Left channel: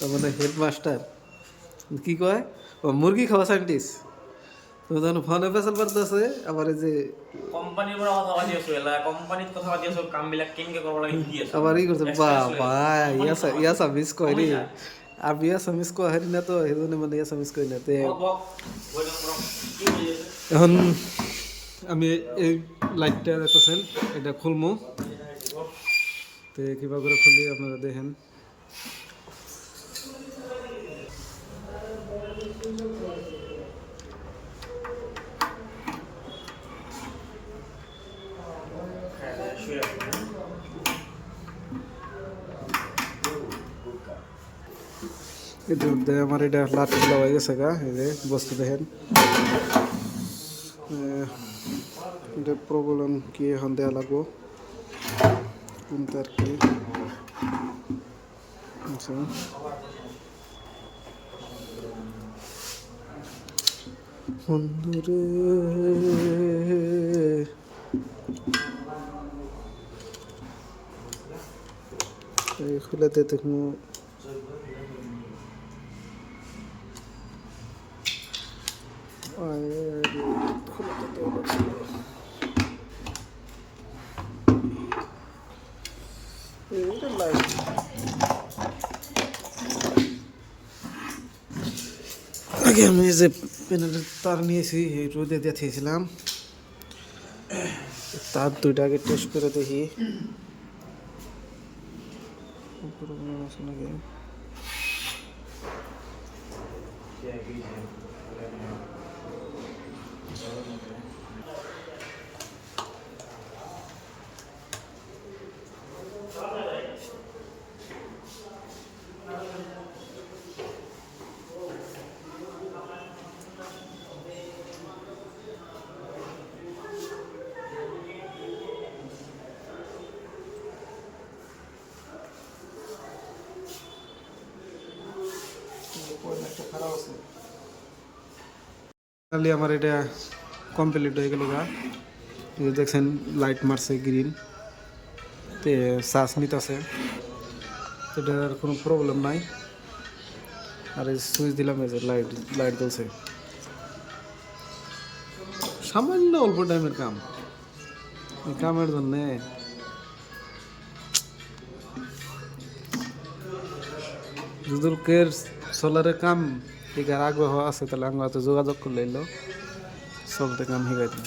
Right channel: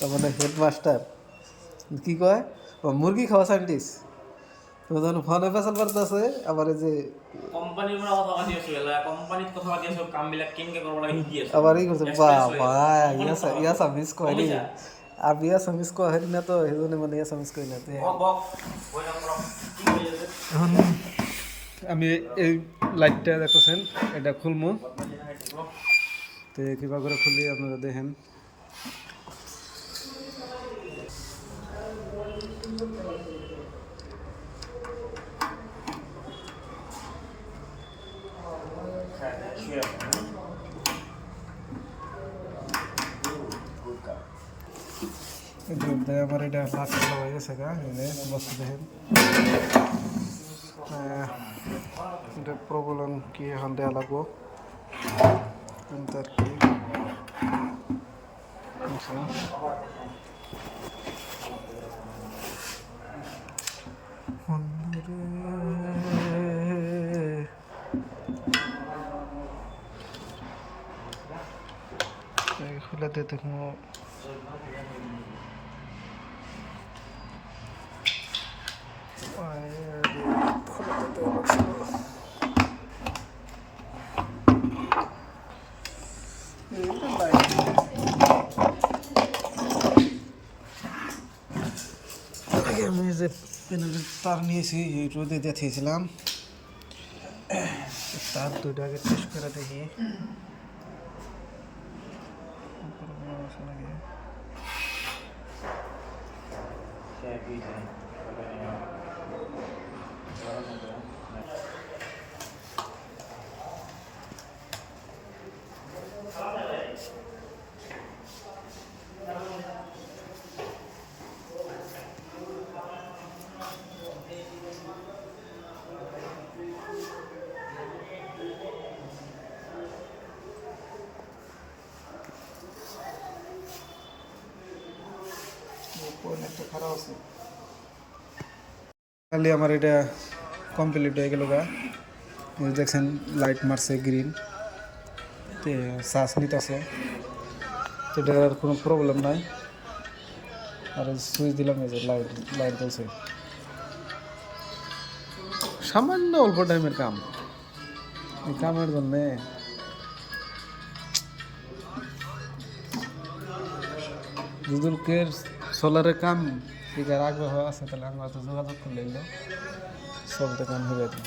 তার মানে হেডমাস্টার কি কয় ও মুরগি খাওয়া সাইন্টিস্ট তো যখন ফোনে পেছাল পারতেছে আবার এই যে কোম্পানীৰ পৰা কথা পাতি আছো কোম্পানীত কথা পাতি আছো কামবিলাক কেনেকে কৰিব লাগে শিকি আছো আবার ই করছে বা এক্সপিৰিয়েঞ্চ লৈ আছো ভাই কোম্পানীত কথা পাতি ইয়াসা আছো মিস কয় গম রে পাইছা আমি ইয়াসা মিস কয় হেরি না তো সেজন্য মানে ইয়াসা মিস করি না তে বক বই নাম্বার কি হৈ আছে এখন আমি এই লাইটটা দেখতেছেন এটা খুলবো তো কিবা করে খুলি আপনারা দেখেন এই যে আমার এটা লাট খোলা হয়ে গেছে গা এই যে বস্তু দেখেন এটা প্রবলেম কি এখন দেওয়া লাগবো কিন্তু আর কি আচ্ছা বন্ধুরে এই খুলাতে তো কোনো খোলাতে দেওয়া লাগছিল এটা লাইট আগে আমি যে প্যানেলের তার নিয়েছি এই রোদে দিয়ে থেয়েছিলাম তার দুইটা আগে টেস্ট করে দেখি আছে নাকি খালি আমার এটা কমপ্লিট হয়ে গেল গা দেখছেন লাইট মারছে গ্রিন তে শ্বাস নিতেছে সেটার আর কোনো প্রবলেম নাই আর এই সুইচ দিলাম এই যে লাইট লাইট জ্বলছে সামান্য অল্প টাইমের কাম এই কামের জন্যে যদুলকের সোলারের কাম এটার আগ্রহ আছে তাহলে আমি হয়তো যোগাযোগ করলে এলো সবটা কাম হয়ে যাবে